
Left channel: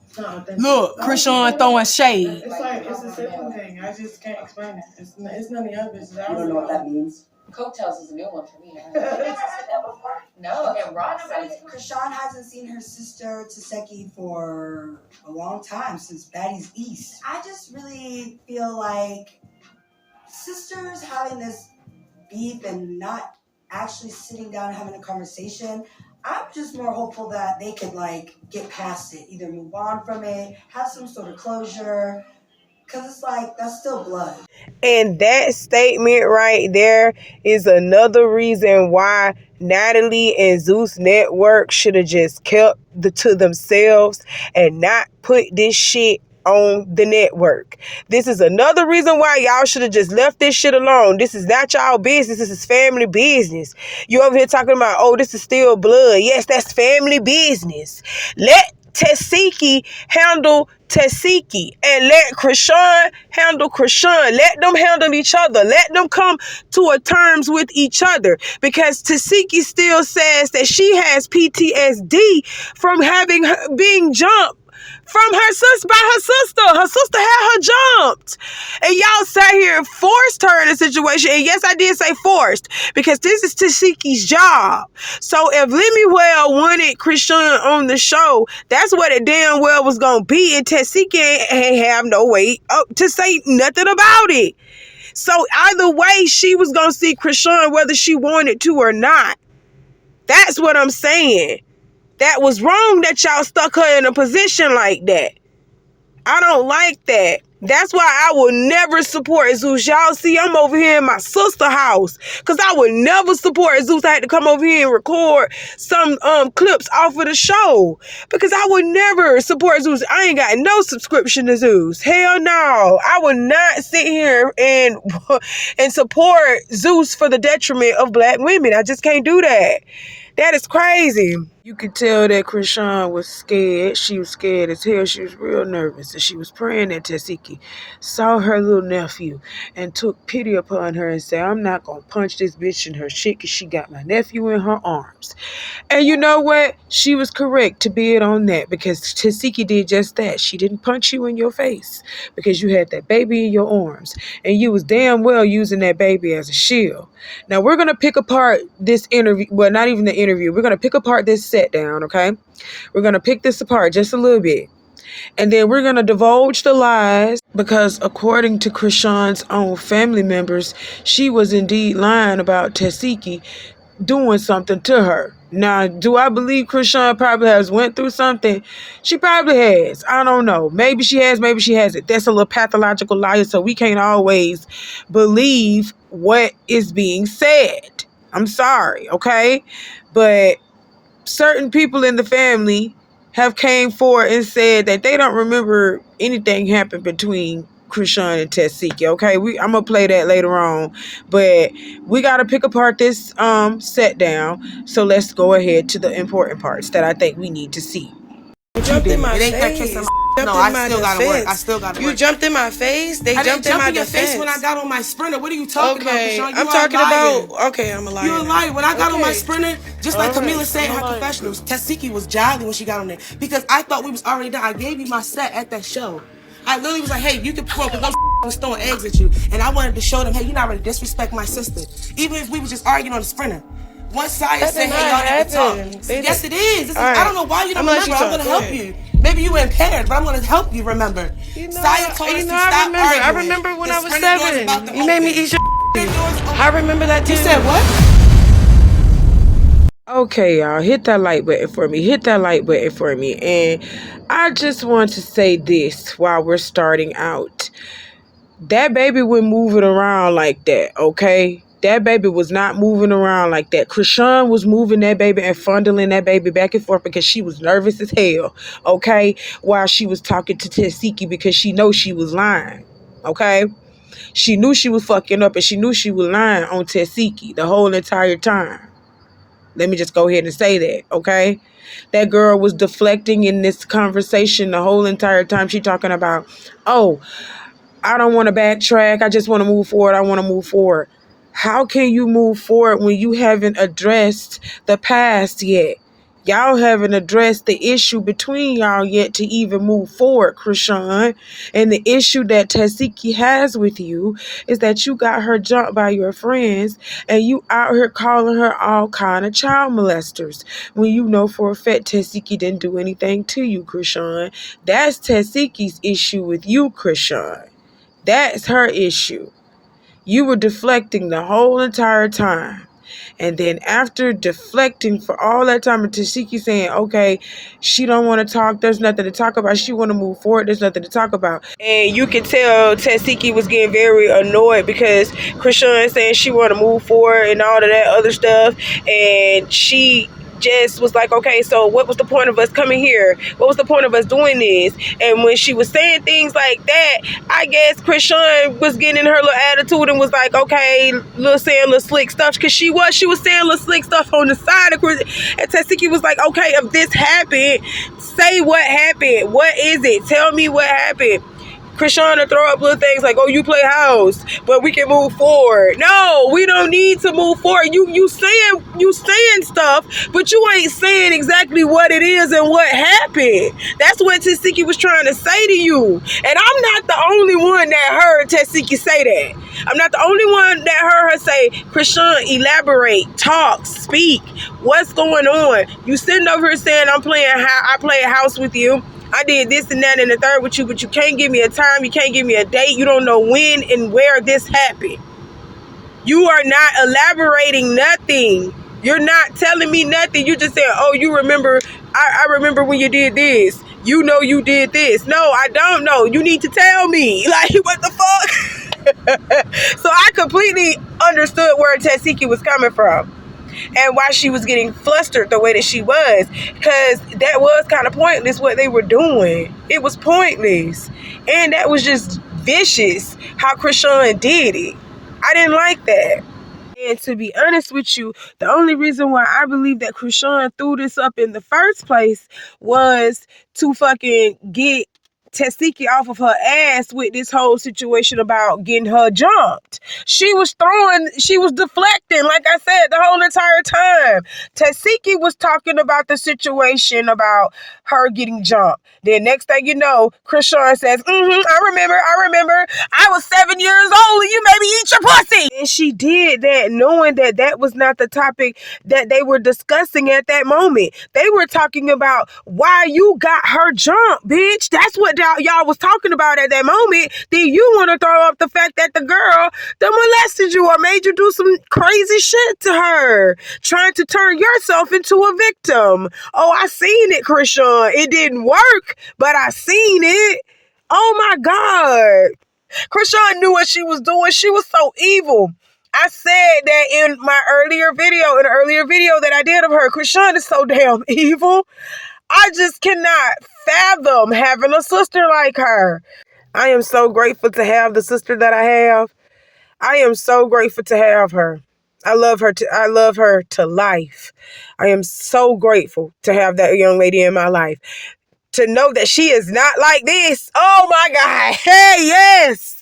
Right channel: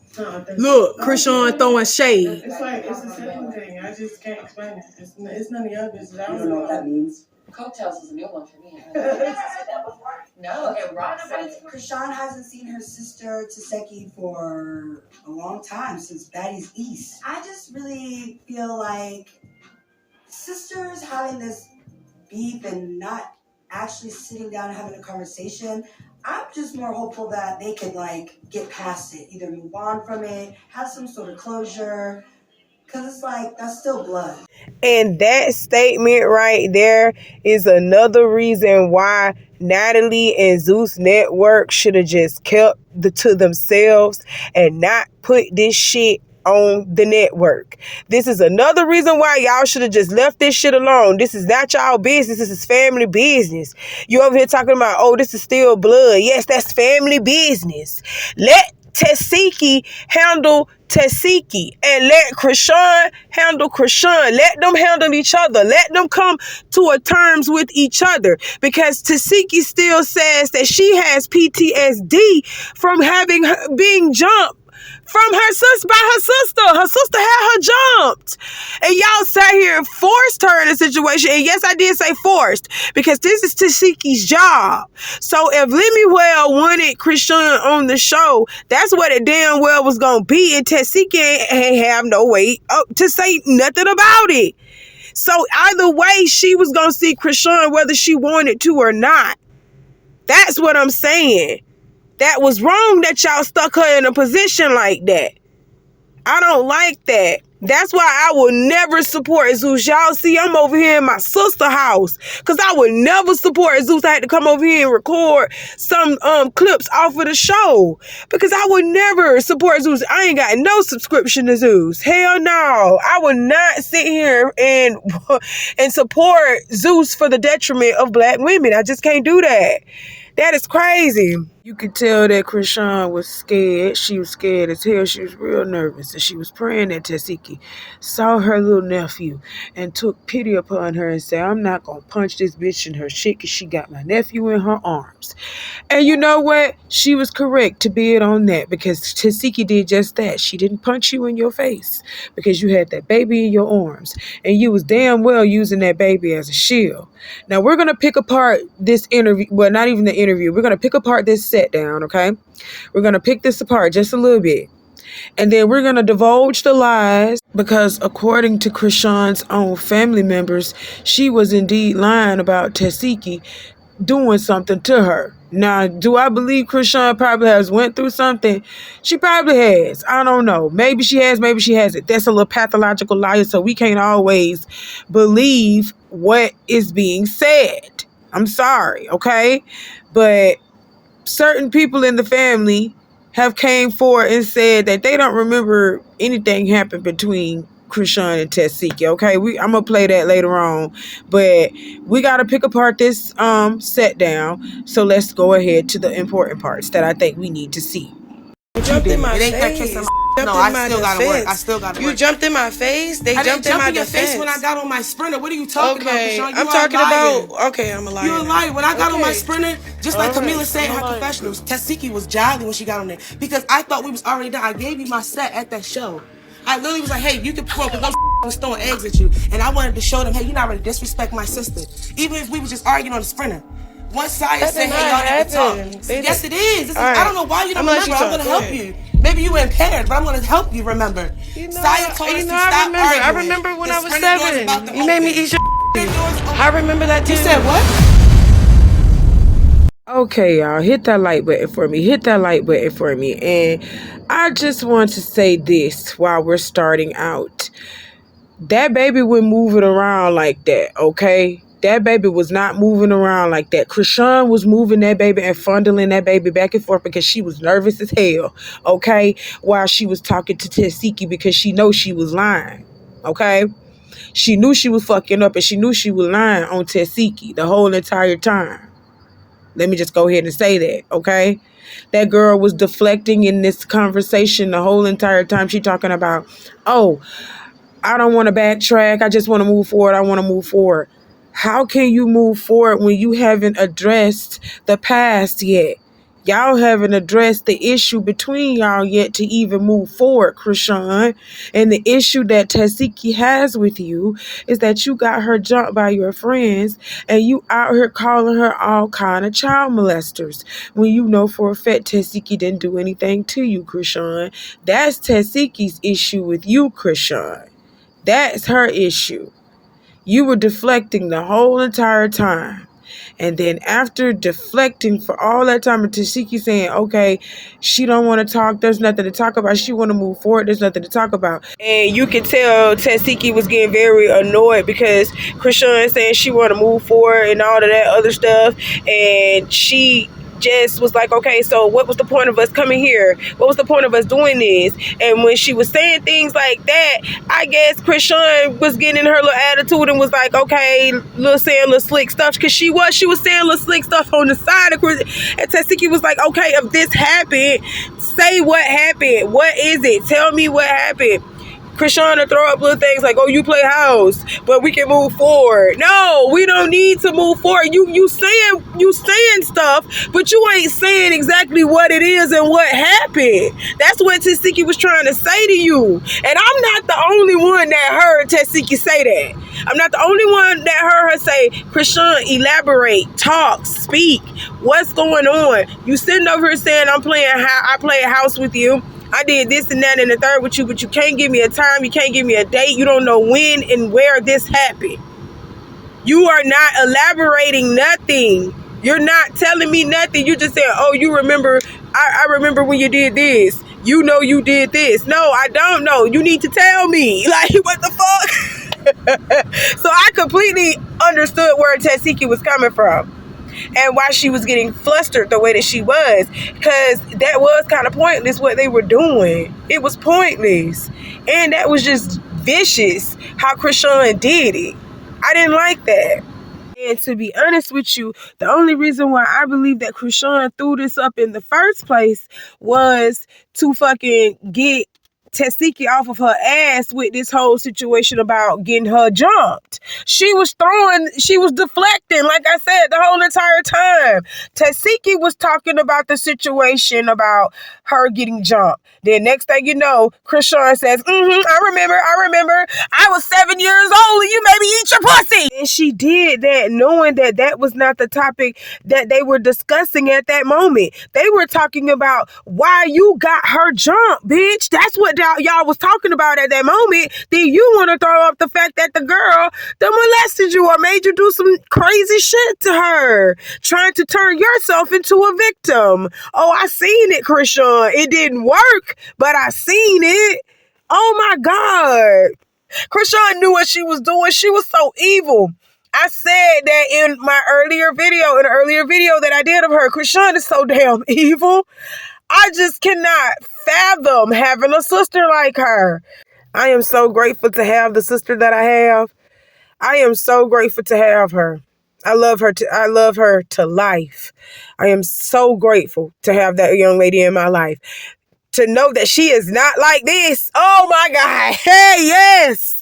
It's not authentic. Look, Chrisean throwing shade. It's like it's a sibling thing. I just can't explain it. It's none of your business. I don't know what that means. Coattails is a new one for me. means. No, okay, Rod said it. Chrisean hasn't seen her sister Tesehki for a long time, since Baddies East. I just really feel like sisters having this beef and not actually sitting down and having a conversation. I'm just more hopeful that they could like get past it, either move on from it, have some sort of closure, because it's like that's still blood. And that statement right there is another reason why Natalie and Zeus Network should have just kept to themselves and not put this shit on the network. This is another reason why y'all should have just left this shit alone. This is not y'all business. This is family business. You over here talking about, oh, this is still blood. Yes, that's family business. Let Tesehki handle Tesehki, and let Chrisean handle Chrisean. Let them handle each other. Let them come to a terms with each other, because Tesehki still says that she has PTSD from being jumped from her sister, by her sister. Her sister had her jumped. And y'all sat here and forced her in a situation. And yes, I did say forced, because this is Tesehki's job. So if Lemuel wanted Chrisean on the show, that's what it damn well was going to be. And Tesehki ain't have no way to say nothing about it. So either way, she was going to see Chrisean whether she wanted to or not. That's what I'm saying. That was wrong that y'all stuck her in a position like that. I don't like that. That's why I will never support Zeus. Y'all see, I'm over here in my sister's house, because I would never support Zeus. I had to come over here and record some clips off of the show, because I would never support Zeus. I ain't got no subscription to Zeus. Hell no. I would not sit here and support Zeus for the detriment of black women. I just can't do that. That is crazy. You could tell that Chrisean was scared. She was scared as hell. She was real nervous. And she was praying that Tesehki saw her little nephew and took pity upon her and said, I'm not going to punch this bitch in her shit because she got my nephew in her arms. And you know what? She was correct to bid on that because Tesehki did just that. She didn't punch you in your face because you had that baby in your arms. And you was damn well using that baby as a shield. Now, we're going to pick apart this interview. Well, not even the interview. We're going to pick apart this set down, okay? We're going to pick this apart just a little bit. And then we're going to divulge the lies because according to Chrisean's own family members, she was indeed lying about Tesehki doing something to her. Now, do I believe Chrisean probably has went through something? She probably has. I don't know. Maybe she has, maybe she hasn't. That's a little pathological liar, so we can't always believe what is being said. I'm sorry, okay? But certain people in the family have came forward and said that they don't remember anything happened between Chrisean and Tesehki, okay? I'm gonna play that later on, but we gotta pick apart this set down. So let's go ahead to the important parts that I think we need to see. You jumped in my It ain't that face. case. No, I still gotta work. I still gotta work. You jumped in my face. They I jumped didn't in my jump in your defense. face when I got on my Sprinter. What are you talking Okay, about, Chrisean? I'm talking about. Okay, I'm a liar. You're a liar. When I got on my Okay. Sprinter, just like All right, Camila said in her I'm a liar. confessionals, Tesehki was jolly when she got on there because I thought we was already done. I gave you my set at that show. I literally was like, hey, you can perform because I was throwing eggs at you. And I wanted to show them, hey, you're not ready to disrespect my sister. Even if we was just arguing on the Sprinter. Once Saya That said, did hey, not y'all need to talk. happen. They Yes, did- it is. All right. I don't know why you don't I'm gonna let remember. you I'm talk. going to Go help ahead. you. Maybe you were impaired, but I'm going to help you remember. You know, Saya told us to stop I remember. arguing. I remember when The I was Sprinter door's about 7. to You made me open. eat your. Sprinter door's open. I remember that too. You said what? Okay, y'all, hit that like button for me. Hit that like button for me. And I just want to say this while we're starting out. That baby wasn't moving around like that, okay? That baby was not moving around like that. Chrisean was moving that baby and fondling that baby back and forth because she was nervous as hell, okay? While she was talking to Tesehki because she knows she was lying, okay? She knew she was fucking up and she knew she was lying on Tesehki the whole entire time. Let me just go ahead and say that, okay? That girl was deflecting in this conversation the whole entire time. She talking about, oh, I don't want to backtrack. I just want to move forward. I want to move forward. How can you move forward when you haven't addressed the past yet? Y'all haven't addressed the issue between y'all yet to even move forward, Chrisean. And the issue that Tesehki has with you is that you got her jumped by your friends and you out here calling her all kind of child molesters when you know for a fact Tesehki didn't do anything to you, Chrisean. That's Tesehki's issue with you, Chrisean. That's her issue. You were deflecting the whole entire time. And then after deflecting for all that time, and Tesehki saying, okay, she don't want to talk. There's nothing to talk about. She want to move forward. There's nothing to talk about. And you can tell Tesehki was getting very annoyed because Chrisean saying she want to move forward and all of that other stuff. And she just was like, okay, so what was the point of us coming here? What was the point of us doing this? And when she was saying things like that, I guess Chrisean was getting in her little attitude and was like, okay, saying little slick stuff, because she was saying little slick stuff on the side of Chris. And Tesehki was like, okay, if this happened, say what happened. What is it? Tell me what happened. Chrisean to throw up little things like, oh, you play house, but we can move forward. No, we don't need to move forward. You saying stuff, but you ain't saying exactly what it is and what happened. That's what Tesehki was trying to say to you. And I'm not the only one that heard Tesehki say that. I'm not the only one that heard her say, Chrisean, elaborate, talk, speak. What's going on? You sitting over here saying I play a house with you. I did this and that and the third with you, but you can't give me a time. You can't give me a date. You don't know when and where this happened. You are not elaborating nothing. You're not telling me nothing. You just saying, oh, you remember, I remember when you did this. You know you did this. No, I don't know. You need to tell me. Like, what the fuck? So I completely understood where Tesehki was coming from. And why she was getting flustered the way that she was. Because that was kind of pointless what they were doing. It was pointless. And that was just vicious how Chrisean did it. I didn't like that. And to be honest with you, the only reason why I believe that Chrisean threw this up in the first place was to fucking get Tesehki off of her ass with this whole situation about getting her jumped. She was deflecting, like I said, the whole entire time. Tesehki was talking about the situation about her getting jumped. Then next thing you know, Chrisean says, I remember. I was 7 years old and you made me eat your pussy. And she did that knowing that that was not the topic that they were discussing at that moment. They were talking about why you got her jumped, bitch. That's what y'all was talking about at that moment. Then you want to throw up the fact that the girl that molested you or made you do some crazy shit to her, trying to turn yourself into a victim. Oh, I seen it, Chrisean. It didn't work, but I seen it. Oh my God. Chrisean knew what she was doing. She was so evil. I said that in my earlier video that I did of her. Chrisean is so damn evil. I just cannot fathom having a sister like her. I am so grateful to have the sister that I have. I am so grateful to have her. I love her to life. I am so grateful to have that young lady in my life. To know that she is not like this. Oh my God. Hey, yes.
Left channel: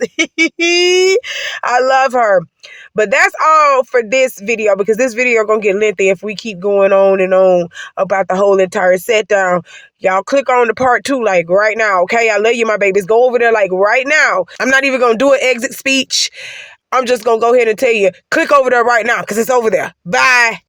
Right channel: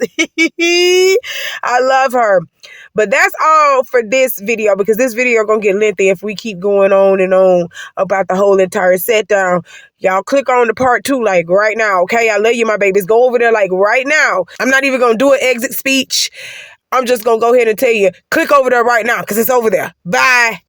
I love her. But that's all for this video, because this video gonna get lengthy if we keep going on and on about the whole entire set down. Y'all click on the part 2 like right now, okay? I love you, my babies. Go over there like right now. I'm not even gonna do an exit speech. I'm just gonna go ahead and tell you, click over there right now because it's over there. Bye.